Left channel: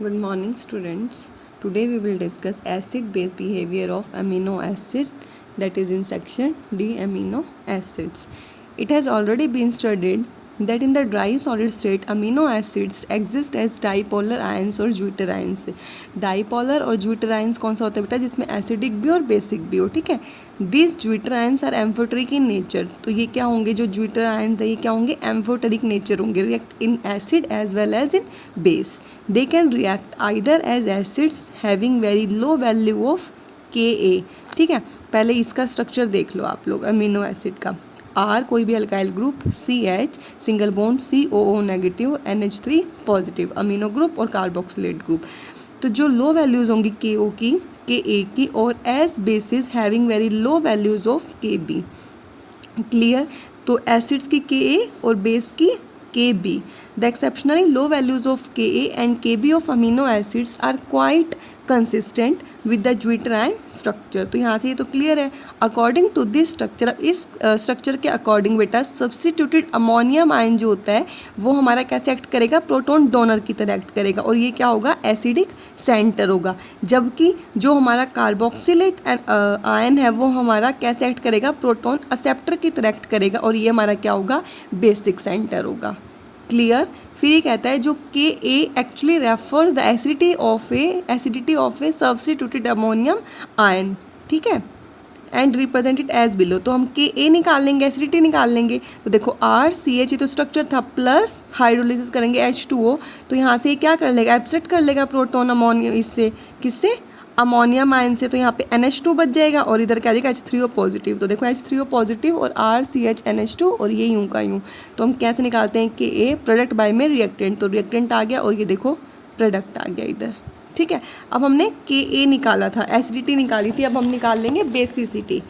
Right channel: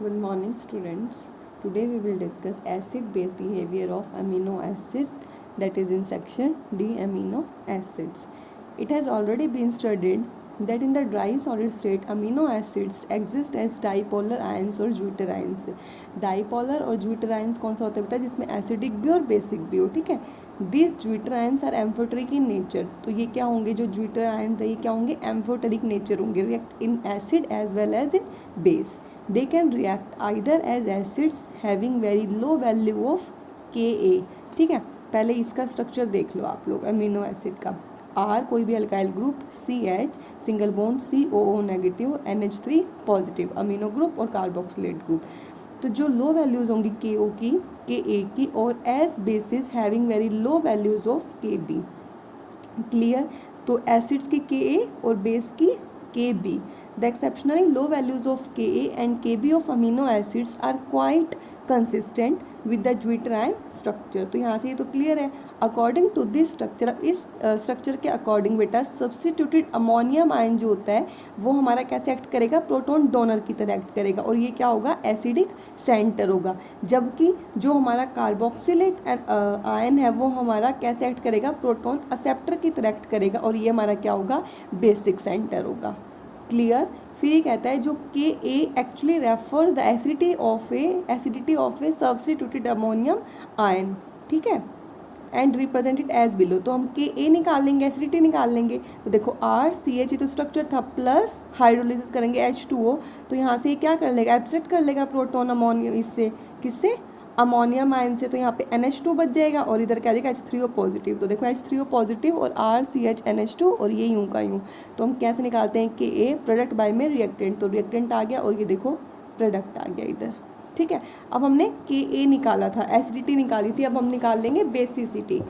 Good morning, students. Today we will discuss acid-base behavior of amino acid, that is in section D, amino acids. It has already been studied that in the dry solid state amino acids exist as dipolar ions और zwitter ions. Dipolar और zwitter ions कौन सा होता है बेटा, जिसमें acidic भी और बेसिक भी हो. ठीक है, this zwitter ions are amphoteric in nature. तो ये क्या होंगे, जो ज्विटर ions है ये क्या होंगे, एम्फोटेरिक नेचर होंगे, react in acid as well as in base. They can react either as acids having very low value of Ka. ठीक है, पहले इसका स्ट्रक्चर देख लो आप लोग अमीनो एसिड का. R कोई भी alkyl group, CH single bond COO negative, NH3 positive amino group और कार्बोक्सिलेट ग्रुप. तो जो लो वैल्यूज़ होंगी KO की, Ka की, और S basis having very low values of Kb. Clear. तो एसिड्स की Ka और बेस की Kb. The exceptionally low values of Ka and Kb of amino acids are quite consistent with the zwitter ion structure. तो यहाँ से ये तो clear है. अकॉर्डिंग टू दिस स्ट्रक्चर, अब इस स्ट्रक्चर के अकॉर्डिंग बेटा सब्सटीट्यूटेड अमोनियम आयन जो होता है वो हमारा कैसे एक्ट करेगा, प्रोटॉन डोनर की तरह एक्ट करेगा, और ये क्या होगा, एसिडिक सेंटर होगा. जबकि जो हमारा कार्बोक्सिलेट आयन है वो हमारा कैसे एक्ट करेगा, प्रोटॉन एक्सेप्टर की तरह एक्ट करेगा, और ये हमारा क्या होगा, बेसिक सेंटर होगा. क्लियर. फिर ये कहता है जो K a actually refers the acidity of a substituted ammonium ion. ठीक है, एंड रिप्रेजेंटेड एज बिलो. तो हम के ए निकाल लेंगे, एसिडिटी निकाल लेंगे. तो देखो RCH ये तो स्ट्रक्चर था, प्लस हाइड्रोलिसिस करेंगे H2O. तो यहाँ से क्या कर लेगा, एब्स्ट्रैक्ट कर लेगा प्रोटोन अमोनियम, इससे किससे, अमोनियम आयन से. तो यहाँ पे NH2 बच जाएगा और इधर क्या आ जाएगा H3O पॉजिटिव. तो देखो H3O पॉजिटिव और RCH NH2 और ये यूं का यूं. तो हम कैसे निकालते हैं, कि ए प्रोडक्ट बाय में रिएक्टेंट. तो रिएक्टेंट आ गया और ये देखो प्रोडक्ट आ गया इधर. ठीक है, अब हमने Ka निकाला था, एसिडिटी निकाली थी, अब हम निकाल लेंगे बेसिसिटी.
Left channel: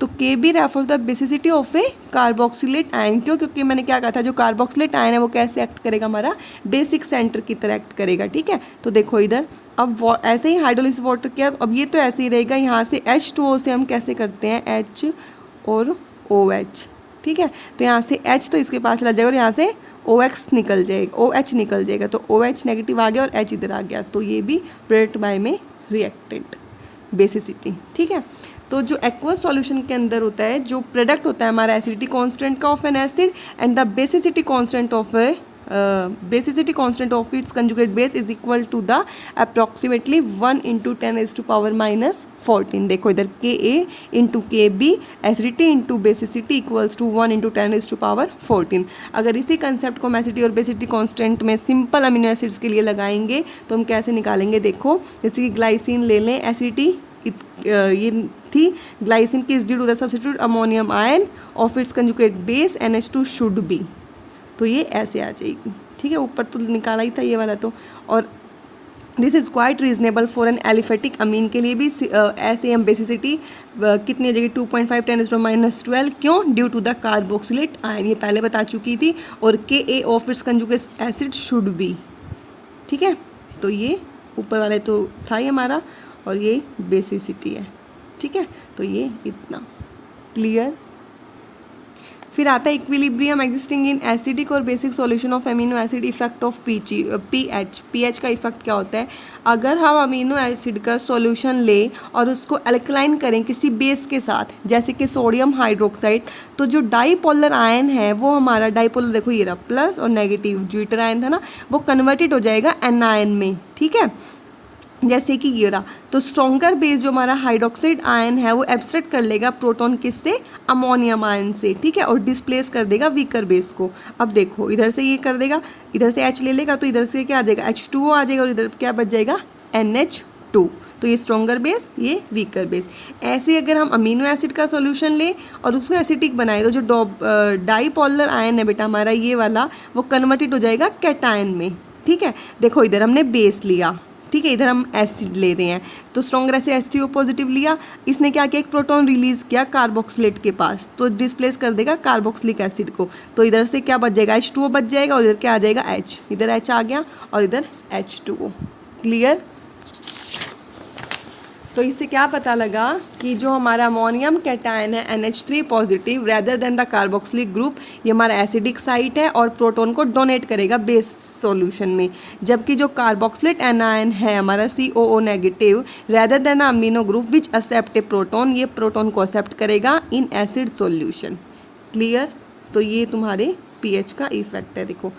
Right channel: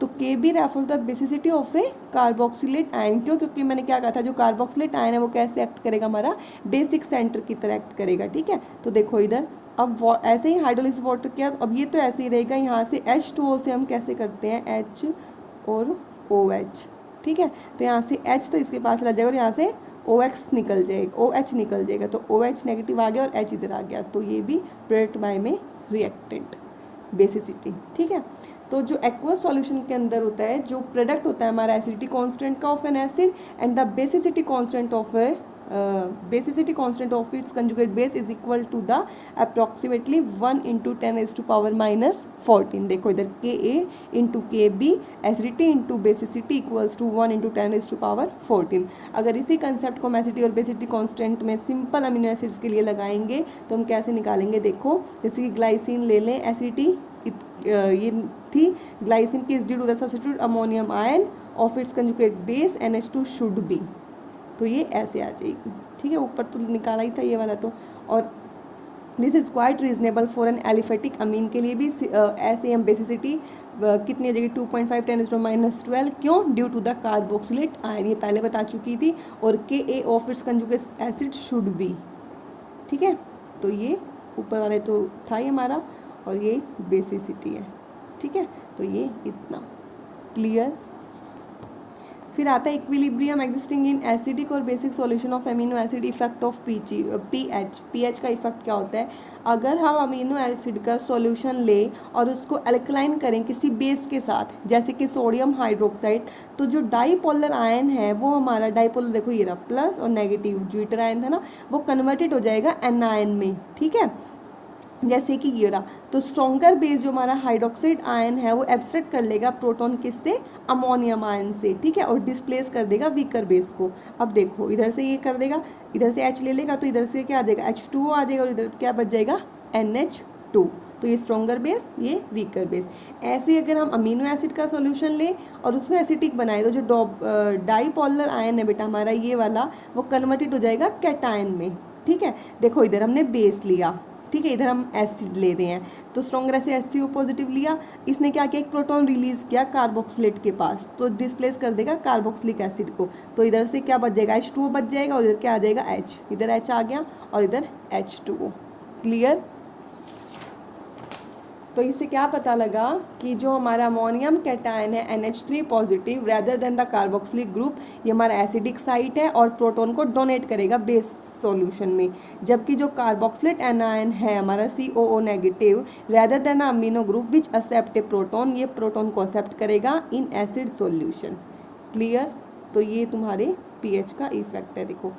तो के be refer the basicity of A carboxylate ion. क्यों, क्योंकि मैंने क्या कहा था, जो कार्बोक्सिलेट आयन है वो कैसे एक्ट करेगा, हमारा बेसिक सेंटर की तरह एक्ट करेगा. ठीक है, तो देखो इधर अब ऐसे ही हाइड्रोलिसिस वाटर किया, अब ये तो ऐसे ही रहेगा. यहाँ से H2O से हम कैसे करते हैं, H और OH. ठीक है, तो यहाँ से H तो इसके पास चला जाएगा और यहाँ से OX निकल जाएगा, OH निकल जाएगा. तो OH नेगेटिव आ गया और H इधर आ गया. तो ये भी प्रोडक्ट बाय में रिएक्टेंट, बेसिसिटी. ठीक है, तो जो एक्वस सॉल्यूशन के अंदर होता है, जो प्रोडक्ट होता है हमारा एसिडिटी कांस्टेंट का of an acid and the basicity constant of its conjugate base is equal to the approximately 1 into 10⁻⁻14. देखो इधर Ka into Kb acidity into basicity equals to 1 into 10⁻14. अगर इसी कंसेप्ट को हम एसिडिटी और बेसिसिटी कांस्टेंट में simple amino acids के लिए लगाएंगे तो हम कैसे निकालेंगे, देखो जैसे कि ग्लाइसिन ले लें, एसिडिटी ये थी, ग्लाइसिन की is due to the substitute ammonium ion of its conjugate base NH2 should be. तो ये ऐसे आ जाएगी. ठीक है, ऊपर तो निकाला ही था ये वाला. तो और this is quite reasonable for an aliphatic amine के लिए भी. ऐसे हम बेसिसिटी कितनी हो जाएगी, 2.5 10⁻12. क्यों, due to the carboxylate ion, ये पहले बता चुकी थी. और Ka of its conjugate acid should be. ठीक है, तो ये ऊपर वाले तो था ही हमारा, और ये बेसिसिटी है. ठीक है, तो ये इतना क्लियर. फिर आता है इक्विलिब्रियम एग्जिस्टिंग इन एसिडिक और basic solution of amino acid, effect of pH का इफेक्ट क्या होता है. अगर हम अमीनो एसिड का सॉल्यूशन लें और उसको अल्कलाइन करें किसी बेस के साथ, जैसे कि सोडियम हाइड्रोक्साइड, तो जो डाईपोलर आयन है वो हमारा डाईपोलर, देखो ये रहा प्लस और नेगेटिव ज्विटर आयन था ना, वो कन्वर्टेड हो जाएगा एनायन में. ठीक है, जैसे कि ये रहा. तो स्ट्रॉन्गर बेस जो हमारा हाइड्रोक्साइड आयन है वो एब्स्ट्रैक्ट कर लेगा प्रोटॉन किससे, अमोनियम आयन से. ठीक है, और डिस्प्लेस कर देगा वीकर बेस को. अब देखो इधर से ये कर देगा, इधर से H ले लेगा तो इधर से क्या आ जाएगा, H2O आ जाएगा, और इधर क्या बच जाएगा, NH2. तो ये स्ट्रॉन्गर बेस, ये वीकर बेस. ऐसे अगर हम अमीनो एसिड का सॉल्यूशन लें और उसको एसिडिक बनाए तो जो डाईपोलर आयन है बेटा हमारा ये वाला, वो कन्वर्टेड हो जाएगा कैटायन में. ठीक है, देखो इधर हमने बेस लिया, ठीक है, इधर हम एसिड ले रहे हैं, तो स्ट्रॉन्गर एसिड H3O पॉजिटिव लिया, इसने क्या किया, एक प्रोटॉन रिलीज किया कार्बोक्सिलेट के पास, तो डिस्प्लेस कर देगा कार्बोक्सिलिक एसिड को. तो इधर से क्या बच जाएगा, H2O बच जाएगा, और इधर क्या आ जाएगा, H. इधर H आ गया और इधर H2O. क्लियर. तो इससे क्या पता लगा कि जो हमारा अमोनियम कैटायन है NH3 positive rather than the carboxylic group, ये हमारा एसिडिक साइट है और प्रोटॉन को डोनेट करेगा बेस सॉल्यूशन में, जबकि जो कार्बोक्सिलेट एनायन है हमारा COO negative rather than amino group which accept a proton, ये प्रोटॉन को एक्सेप्ट करेगा इन एसिड सॉल्यूशन। क्लियर? तो ये तुम्हारे pH का इफेक्ट है। देखो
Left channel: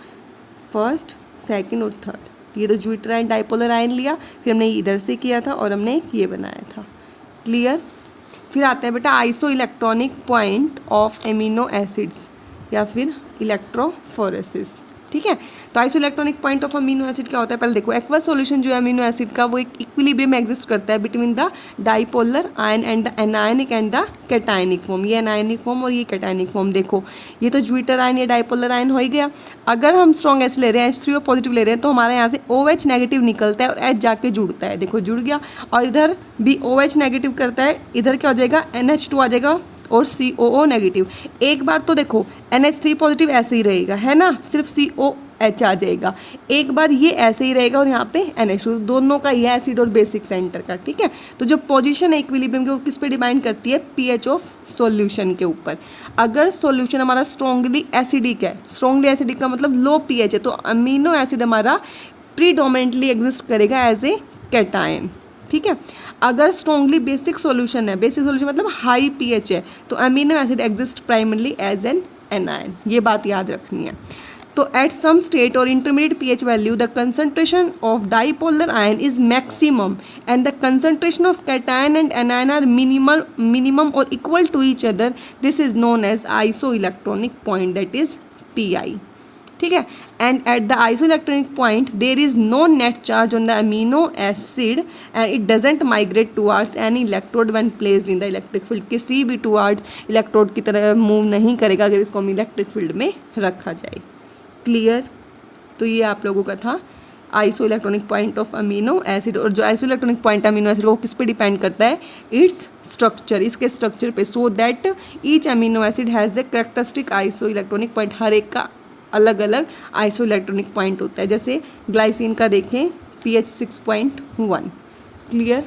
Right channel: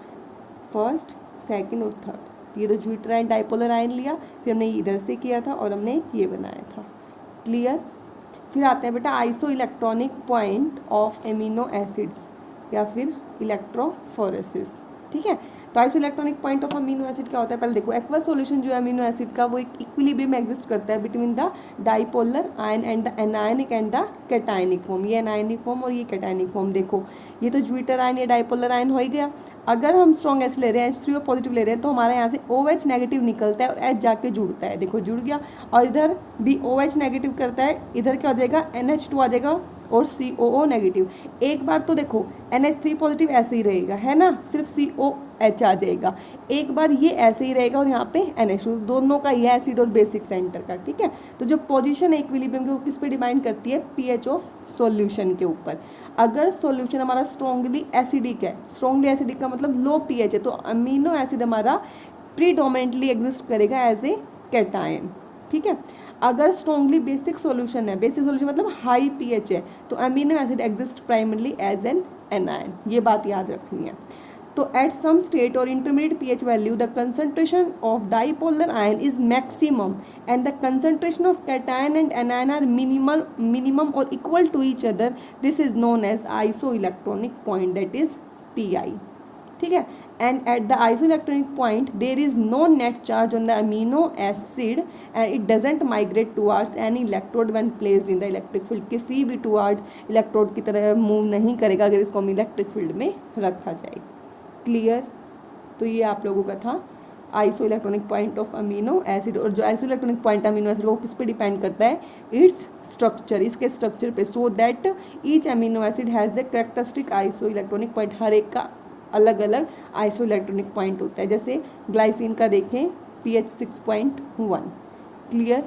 फर्स्ट, सेकंड और थर्ड, ये तो ज्यूटराइन डाइपोलर आयन लिया, फिर हमने इधर से किया था और हमने ये बनाया था। क्लियर? फिर आता है बेटा iso electronic point of amino acids या फिर इलेक्ट्रोफोरेसिस। ठीक है, तो iso electronic point of amino acid क्या होता है? पहले देखो एक्वस सॉल्यूशन जो है अमीनो एसिड का वो एक इक्विलिब्रियम एग्जिस्ट करता है between the dipolar ion and the anionic and the cationic form. ये एनायनिक फॉर्म और ये कैटायनिक फॉर्म। देखो ये तो ज्यूटर आयन, ये डाइपोलर आयन हो ही गया। अगर हम स्ट्रॉन्ग एसिड ले रहे हैं, H3O पॉजिटिव ले रहे हैं, तो हमारे यहाँ से OH नेगेटिव निकलता है और H जाके जुड़ता है। देखो जुड़ गया, और इधर भी OH नेगेटिव करता है, इधर क्या हो जाएगा NH2 आ जाएगा और COO नेगेटिव। एक बार तो देखो NH3 पॉजिटिव ऐसे ही रहेगा, है ना, सिर्फ COH आ जाएगा। एक बार ये ऐसे ही रहेगा और यहाँ पे NH2, दोनों का ये एसिड और बेसिक सेंटर का। ठीक है, तो जो पोजीशन है इक्विलिब्रियम की वो किस पे डिपेंड करती है? pH ऑफ सॉल्यूशन के ऊपर। अगर सॉल्यूशन हमारा स्ट्रॉन्गली एसिडिक है, स्ट्रॉन्गली एसिडिक का मतलब लो pH है, तो अमीनो एसिड हमारा प्रीडोमिनेंटली एग्जिस्ट करेगा एज ए कैटायन। ठीक है, अगर स्ट्रॉन्गली बेसिक सॉल्यूशन है, बेसिक सॉल्यूशन मतलब हाई pH है, तो amino acid exist primarily as an anion. ये बात याद रखनी है। तो एट सम स्टेट और intermediate pH value the concentration of dipolar ion is maximum and the concentration of cation and anion are minimum और equal to each other. This is known as iso electronic point, that is PI। ठीक है, and at the iso electronic point there is no net charge on the amino acid and it doesn't migrate towards any electrode when placed in the electric field. किसी भी towards electrode की तरह move नहीं करेगा अगर इसको हम electric field में रखा जाए। क्लियर? तो ये आप लोगों का था iso electronic point of amino acid. और जो iso electronic point amino acid वो किस पे डिपेंड करता है? इट्स स्ट्रक्चर, इसके स्ट्रक्चर पे। So that each amino acid has a characteristic iso electronic point. हर एक का अलग अलग आइसो इलेक्ट्रॉनिक पॉइंट होता है। जैसे ग्लाइसिन का देखें pH 6.1। क्लियर?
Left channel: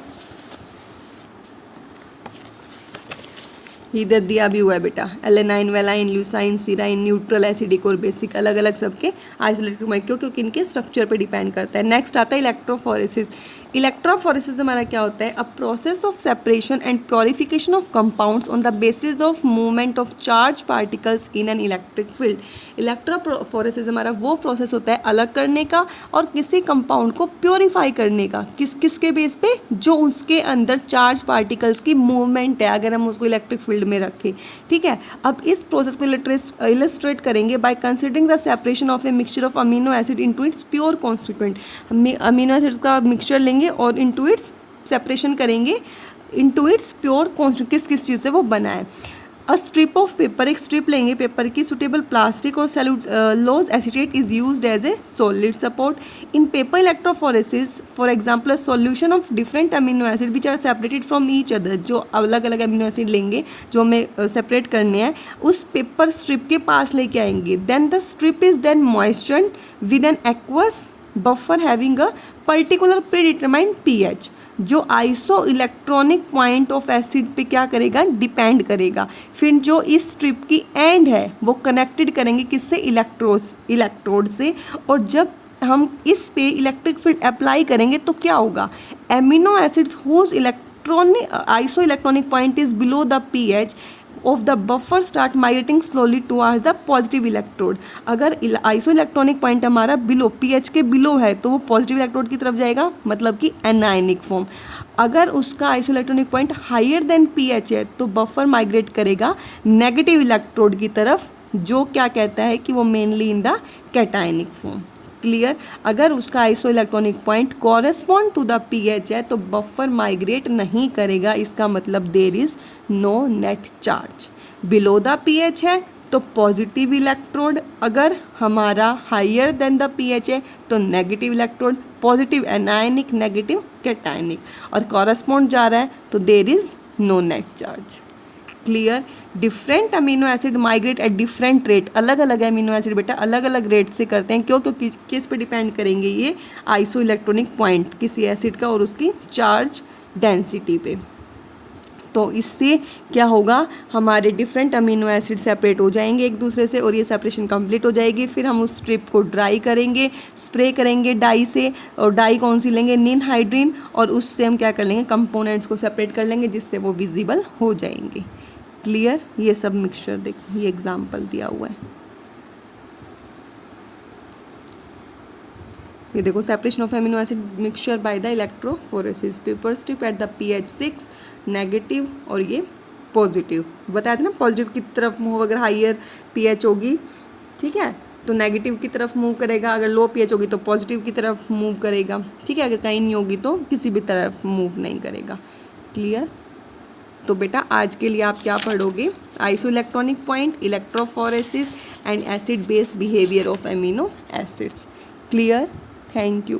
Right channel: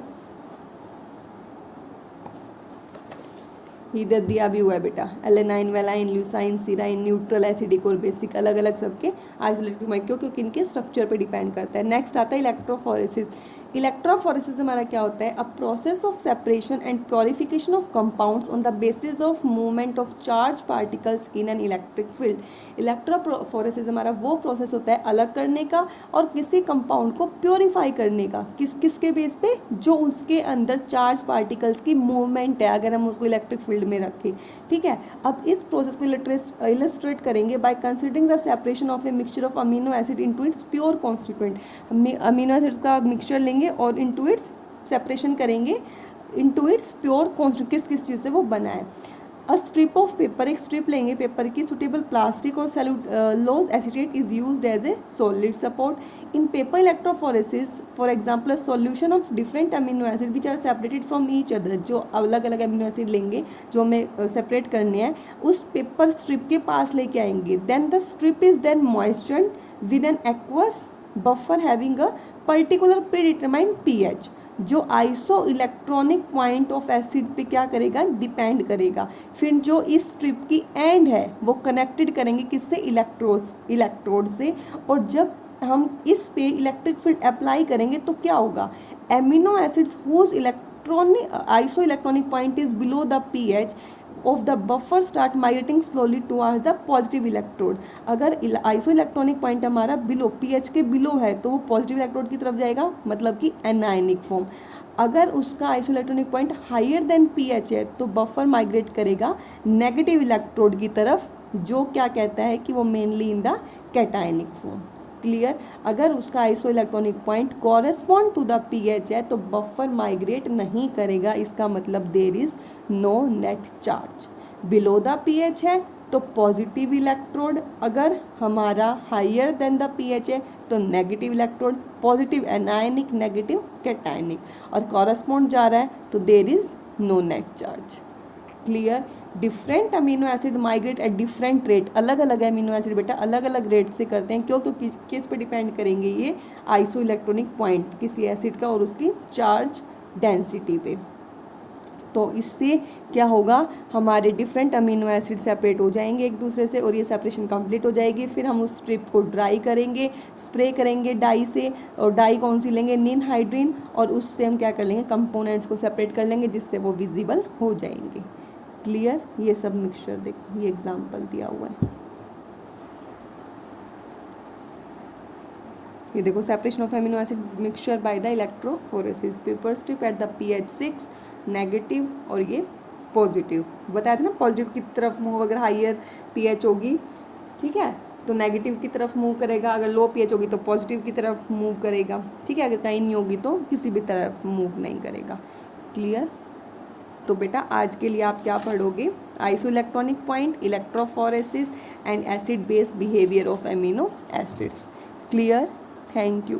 इधर दिया भी हुआ है बेटा, alanine, valine, Eleusine, सीराइन, neutral, acidic और बेसिक, अलग अलग सबके आइसोलेटिक पॉइंट, क्योंकि इनके स्ट्रक्चर पे डिपेंड करता है। नेक्स्ट आता है इलेक्ट्रोफोरेसिस। इलेक्ट्रोफोरेसिस हमारा क्या होता है? A process of separation and purification of compounds on the basis of movement of charge particles in an electric field. Electrophoresis हमारा वो प्रोसेस होता है अलग करने का और किसी कंपाउंड को प्योरीफाई करने का। किसके बेस पे? जो उसके अंदर चार्ज पार्टिकल्स की मूवमेंट है, अगर हम उसको इलेक्ट्रिक फील्ड में रखें। ठीक है, अब इस प्रोसेस को इलस्ट्रेट करेंगे by considering the separation of a mixture of amino acid into its pure constituent. Amino acids का मिक्सचर लेंगे और इनटू इट्स सेपरेशन करेंगे, इनटू इट्स प्योर कॉन्स्टिट्यूएंट किस चीज़ से वो बना है। अ स्ट्रिप ऑफ पेपर, एक स्ट्रिप लेंगे पेपर की, सुटेबल प्लास्टिक और cellulose acetate is used as a solid support in paper electrophoresis. For example a solution of different amino acid which are separated from each other. जो अलग अलग amino acid लेंगे जो हमें separate करने हैं, उस पेपर स्ट्रिप के पास लेके आएंगे। Then the strip is then moistured with an aqueous buffer having a particular predetermined pH, जो iso electronic point of acid पे क्या करेगा? डिपेंड करेगा। फिर जो इस स्ट्रिप की एंड है वो कनेक्टेड करेंगे किससे? इलेक्ट्रोड से। और जब हम इस पे इलेक्ट्रिक फील्ड अप्लाई करेंगे तो क्या होगा? Amino acids whose iso electronic point is below the pH of the buffer start migrating slowly towards the positive electrode. अगर आइसो इलेक्ट्रॉनिक पॉइंट हमारा बिलो pH के बिलो है तो वो पॉजिटिव इलेक्ट्रोड की तरफ जाएगा, मतलब कि एनायनिक फॉर्म। अगर उसका iso electronic point higher than pH है तो बफर माइग्रेट करेगा नेगेटिव इलेक्ट्रोड की तरफ, जो क्या कहता है कि वो mainly in the cationic form. Clear? अगर उसका iso electronic point correspond to the pH है तो बफर माइग्रेट नहीं करेगा, इसका मतलब there is no net charge. Below the pH है तो पॉजिटिव इलेक्ट्रोड, अगर हमारा हायर देन द pH है तो negative electrode, positive anionic, negative cationic, और कॉरेस्पॉन्ड जा रहा है तो there is no net charge. Clear. Different amino acid migrate at different rate, अलग अलग अमीनो एसिड बेटा अलग अलग रेट से करते हैं। क्यों? क्योंकि किस पे डिपेंड करेंगे ये? आइसो इलेक्ट्रॉनिक पॉइंट किसी एसिड का और उसकी चार्ज डेंसिटी पे। तो इससे क्या होगा, हमारे डिफरेंट अमीनो एसिड सेपरेट हो जाएंगे एक दूसरे से और ये सेपरेशन कंप्लीट हो जाएगी। फिर हम उस स्ट्रिप को ड्राई करेंगे, स्प्रे करेंगे डाई से, और डाई कौन सी लेंगे? निनहाइड्रीन, और उससे हम क्या कर लेंगे? कंपोनेंट्स को सेपरेट कर लेंगे जिससे वो विजिबल हो जाएंगे। क्लियर? ये सब मिक्सचर देखो, ये एग्जाम्पल दिया हुआ है। ये देखो, separation of amino acid mixture by the electrophoresis, paper strip at the pH 6 negative और ये पॉजिटिव। बताया था ना, पॉजिटिव की तरफ मूव अगर हाइयर pH होगी, ठीक है, तो नेगेटिव की तरफ मूव करेगा, अगर लो pH होगी तो पॉजिटिव की तरफ मूव करेगा, ठीक है, अगर कहीं नहीं होगी तो किसी भी तरफ मूव नहीं करेगा। क्लियर? तो बेटा आज के लिए आप क्या पढ़ोगे? Iso electronic point, electrophoresis and acid base behaviour of amino acids. Clear? Thank you.